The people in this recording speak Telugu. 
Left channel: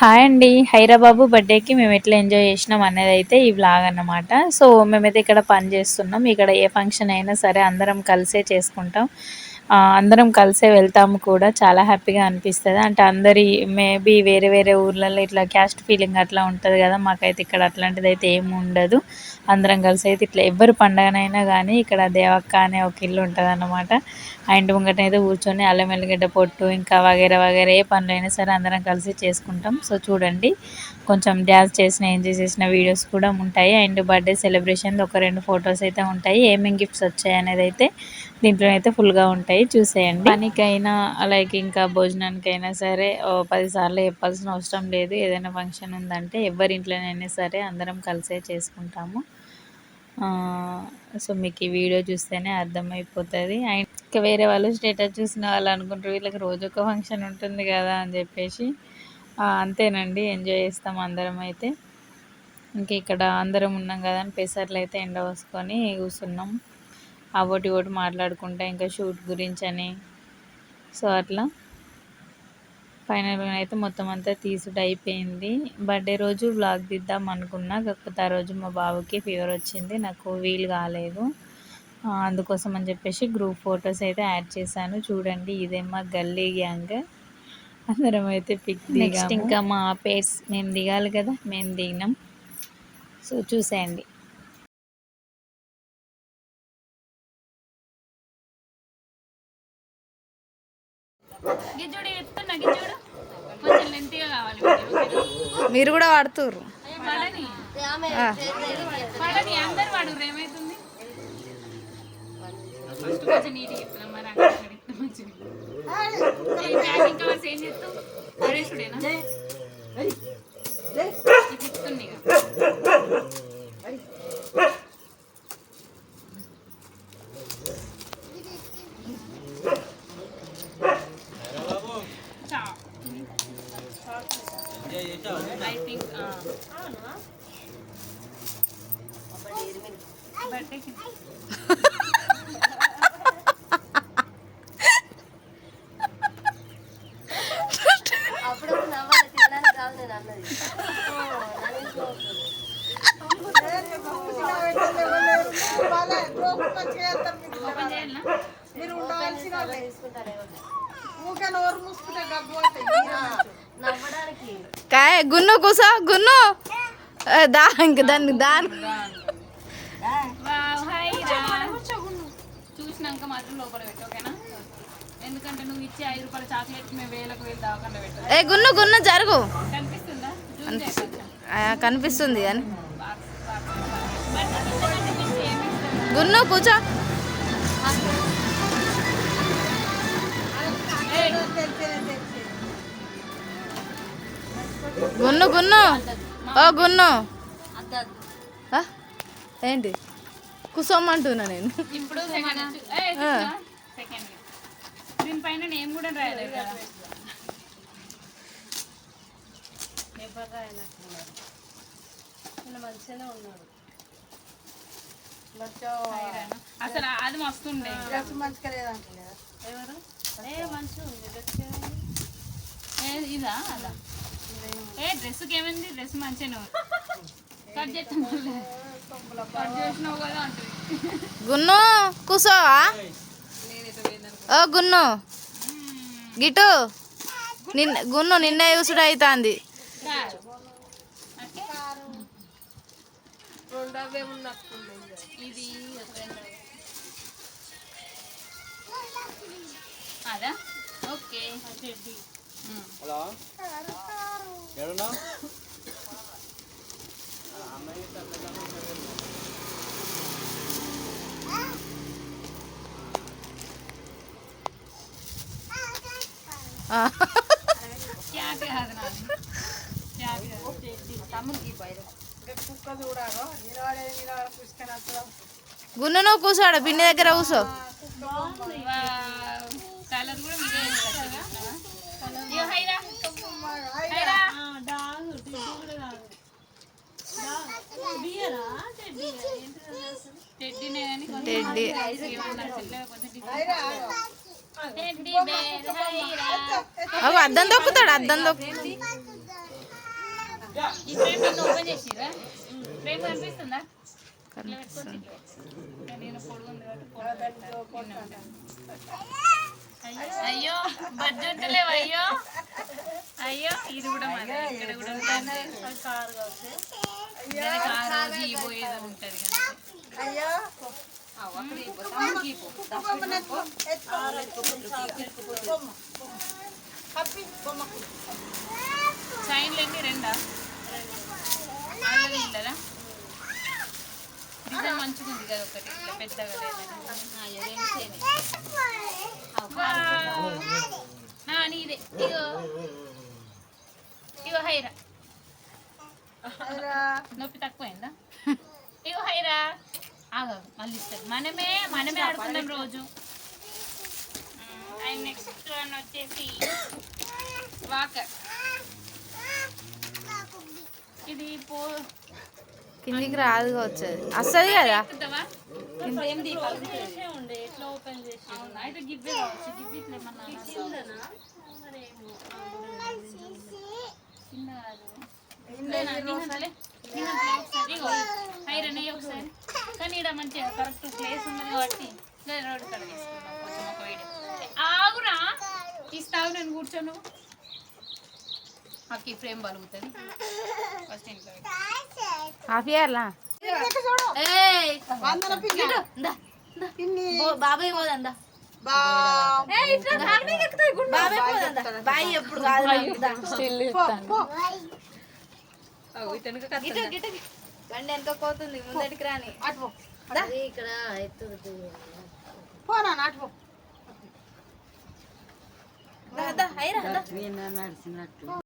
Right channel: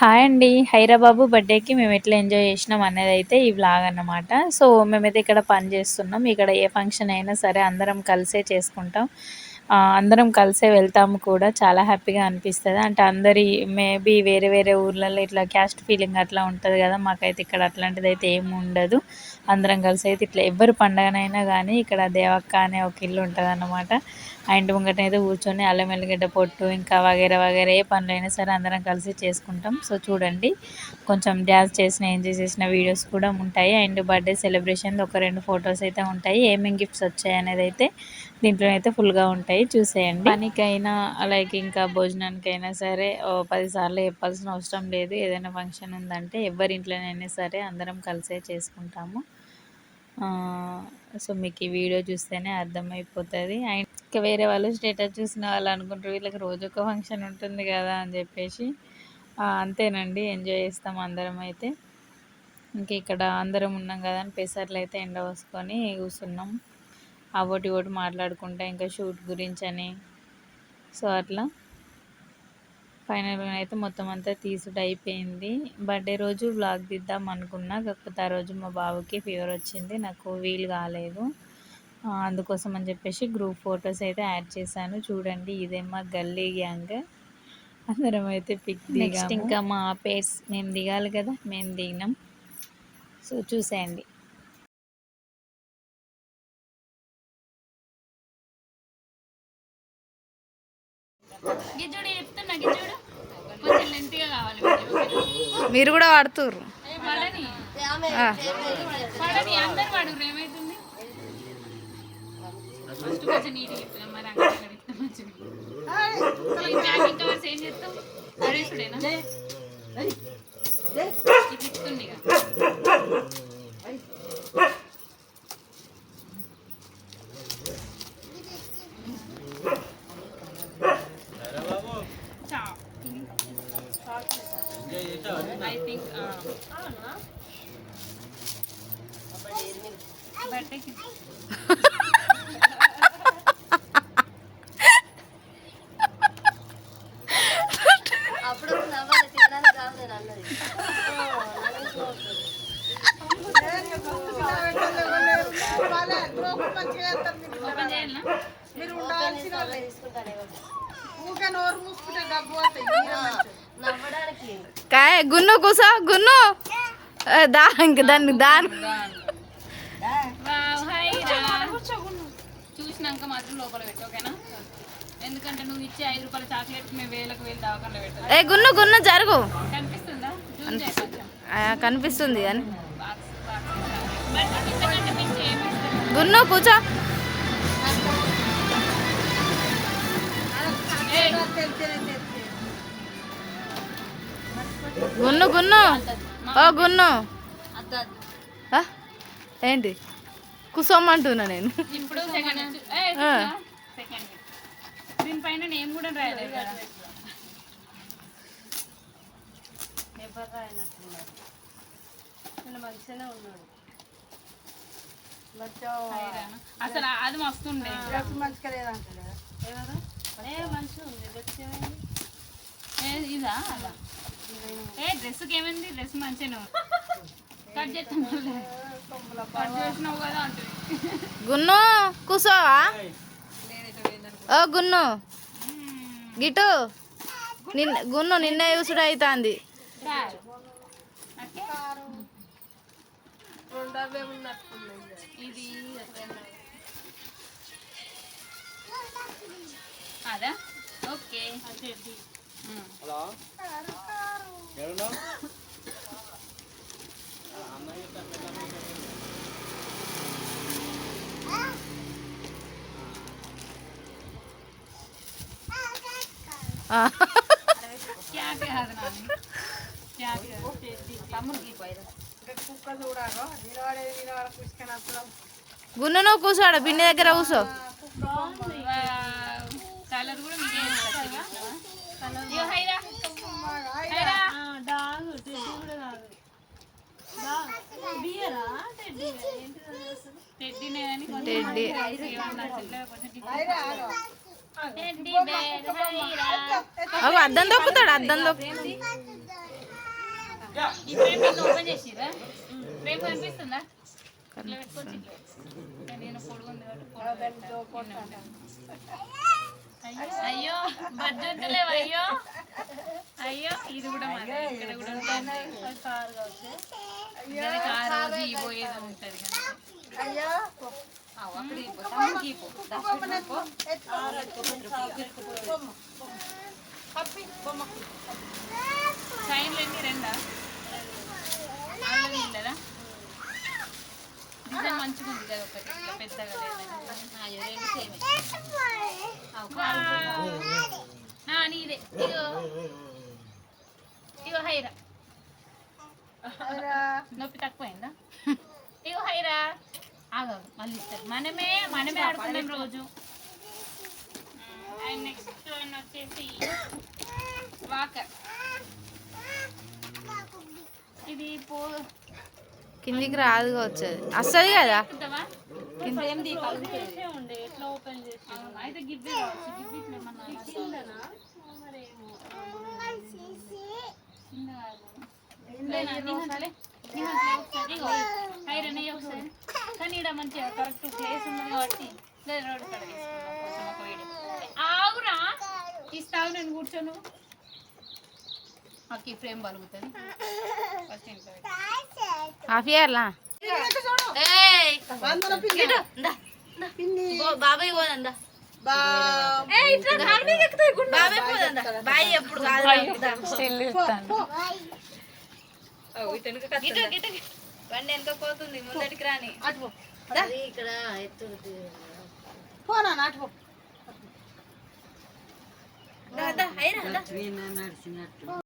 హాయ్ అండి. హైరాబాబు బర్త్డేకి మేము ఎట్లా ఎంజాయ్ చేసినాం అనేది అయితే ఈ వ్లాగ్ అన్నమాట. సో మేమైతే ఇక్కడ పని చేస్తున్నాం. ఇక్కడ ఏ ఫంక్షన్ అయినా సరే అందరం కలిసే చేసుకుంటాం. అందరం కలిసే వెళ్తాము కూడా. చాలా హ్యాపీగా అనిపిస్తుంది. అంటే అందరి మేబీ వేరే వేరే ఊర్లలో ఇట్లా క్యాస్ట్ ఫీలింగ్ అట్లా ఉంటుంది కదా. మాకైతే ఇక్కడ అట్లాంటిది అయితే ఏమి ఉండదు. అందరం కలిసి అయితే ఇట్లా ఎవరి పండగనైనా కానీ ఇక్కడ దేవక్క అనే ఒక ఇల్లు ఉంటుంది అన్నమాట. ఆ ఇంటి ముంగట అయితే కూర్చొని అల్లం ఎల్లిగడ్డ పొట్టు ఇంకా వగేరా వగేరా ఏ పనులైనా సరే అందరం కలిసి చేసుకుంటాం. సో చూడండి, కొంచెం డ్యాన్స్ చేసిన ఎంజాయ్ చేసిన వీడియోస్ కూడా ఉంటాయి. అండ్ బర్త్డే సెలబ్రేషన్లో ఒక 2 ఫొటోస్ అయితే ఉంటాయి. ఏమేమి గిఫ్ట్స్ వచ్చాయి అనేది అయితే దీంట్లో అయితే ఫుల్గా ఉంటాయి, చూసేయండి. పనికైనా లైక్ ఇంకా భోజనానికైనా సరే 10 సార్లు చెప్పాల్సిన అవసరం లేదు. ఏదైనా ఫంక్షన్ ఉందంటే ఎవరి ఇంట్లోనైనా సరే అందరం కలిసే చేసుకుంటాము. సో మీకు ఈ వీడియో చూస్తేనే అర్థమైపోతుంది. అండ్ ఇంకా వేరే వాళ్ళు స్టేటస్ చూసిన వాళ్ళు అనుకుంటారు వీళ్ళకి రోజు ఒక ఫంక్షన్ ఉంటుంది కదా అని చెప్పేసి. అంతేనండి, ఎంజాయ్ చేస్తాం అందరం అయితే. ఇంక ఇక్కడ అందరం ఉన్నాం కదా అని పెసర్లు అయితే ఎండ పోసుకొని కూర్చున్నాం. ఒకటి ఒకటి మాట్లాడుకుంటా ఇంకా షూట్ గురించి అని. సో అట్లా ఫైనల్గా అయితే మొత్తం అంతా తీసుడు అయిపోయింది. బర్త్డే రోజు వ్లాగ్ తీద్దాం అనుకున్నా, కాకపోతే ఆ రోజు మా బాబుకి ఫీవర్ వచ్చింది, నాకు వీలు కాలేదు. అందుకోసం అని చెప్పేసి గ్రూప్ ఫొటోస్ అయితే యాడ్ చేశాను. చూడండి, ఇదే మా గల్లీ గ్యాంగ్. అందరం అయితే పిక్ దిగాము. నెక్స్ట్ ఇంకా మా పేర్స్ మేము దిగాలి కదా, మేము దిగినాం. సో చూసేయండి. మీరు కూడా వాడుతుర్రు. అందరు వాడు ఏమైతుంది ఫస్ట్ కొంచెం నీట్గా చెప్తాం. మరి అక్కడ ఇంకా ఏం చేస్తాం అరేసుడేనా చెప్తుంది. I think birthday కాయ గున్ను కూసో గున్ను దా ఇంక దాన్ని చూసినాక మాత్రం లోపల పెట్టు, ఓకేనా? ఎందుకంటే నువ్వు ఇచ్చే 5 రూపాయల చాక్లెట్ మేము వేలకు వేలు దావకుండా పెట్టాలి. ఏ గున్ను గున్ను జరుగు. కనిపిస్తుందా? కనిపిస్తుంది అని గున్ను కూర్చో. గున్ను గున్ను ఓ గున్ను ఏంటి కూసోమంటున్నా నేను. ఇప్పుడు దీనిపైన నేమ్ కూడా రాయలేదు కదా. అసలు అది మస్తుండే. ఇదా అదా డ్రెస్కి ఏమైంది? డ్రెస్ మంచిగా కట్ చేస్తాం, కట్ చేసినావు కదా అంటుంది. గున్ను కూసోవా? ఓ గున్ను గిటు గున్ను నిన్న చూసుడు అవుతుంది. ఇది అదా ఓకే. గున్ను నువ్వు కూర్చోడు, పిన్ని దగ్గర కూర్చో. కలర్ కూడా టెడ్డీ అద్దం దొక్కుతాడు, అద్దం దొక్కు. ఈ ఫ్రేమ్ నిన్న ఓపెన్ చేసిరా? ఫ్రేమ్ కనిపిస్తుందా? ఇట్లా పెట్టుకోవచ్చు, ఇట్లా పెట్టుకోవచ్చు. నేను పొడుగుంది కాబట్టి పొడుగు పెట్టాను. అయ్యో బడ్జెట్లేవు. అయ్యో అయ్యో ఇది కూడా మాదే, ఇక్కడ కూడా ఉంటుంది. దానికి ఆ రోజు ఈ పోయేదో ఉంటుంది కానీ చైన్లు ఎన్ని? రెండా? ఆల్రెడీ ఇల్లదా? డిజైన్ మంచిగా ఉంది కదా, ఒకటి ఇట్లా పెద్దగా లేదని. నీదే. ఇగో ఇగో హైరా, నొప్పి తక్కువైందా? ఇగో హైరా, ఆగా మళ్ళీ ఇస్తారు. మనమే ఆడుకున్నాం రోజు. అండ్ నెక్స్ట్ వన్ వచ్చేసి వాకర్. ఇది కిందికి రాదు వచ్చేది, వస్తుంది కదా. అయితే గివ్వే కావచ్చు. గివ్వి ఇట్లా ఏమన్నా హైరనే ఒకసారి. కానీ ఇక్కడ మంచిగా కరెక్ట్ ప్లేస్ ఉన్నది కాబట్టి రోడ్డు కడ తీసుకున్నాం. కొంచెం ఒక వీడియో ఆగురా, ఇస్తావు నేను కూర్చోను. మాకు ఈ ఫ్రేమ్ బలుగుతుంది. ఫస్ట్ ఇంట్లో హాఫ్ ఇయర్లా బాబాయ్ పోదందా? బండి ఎంత పోతుంది ముందటికి రాని. ఇక్కడ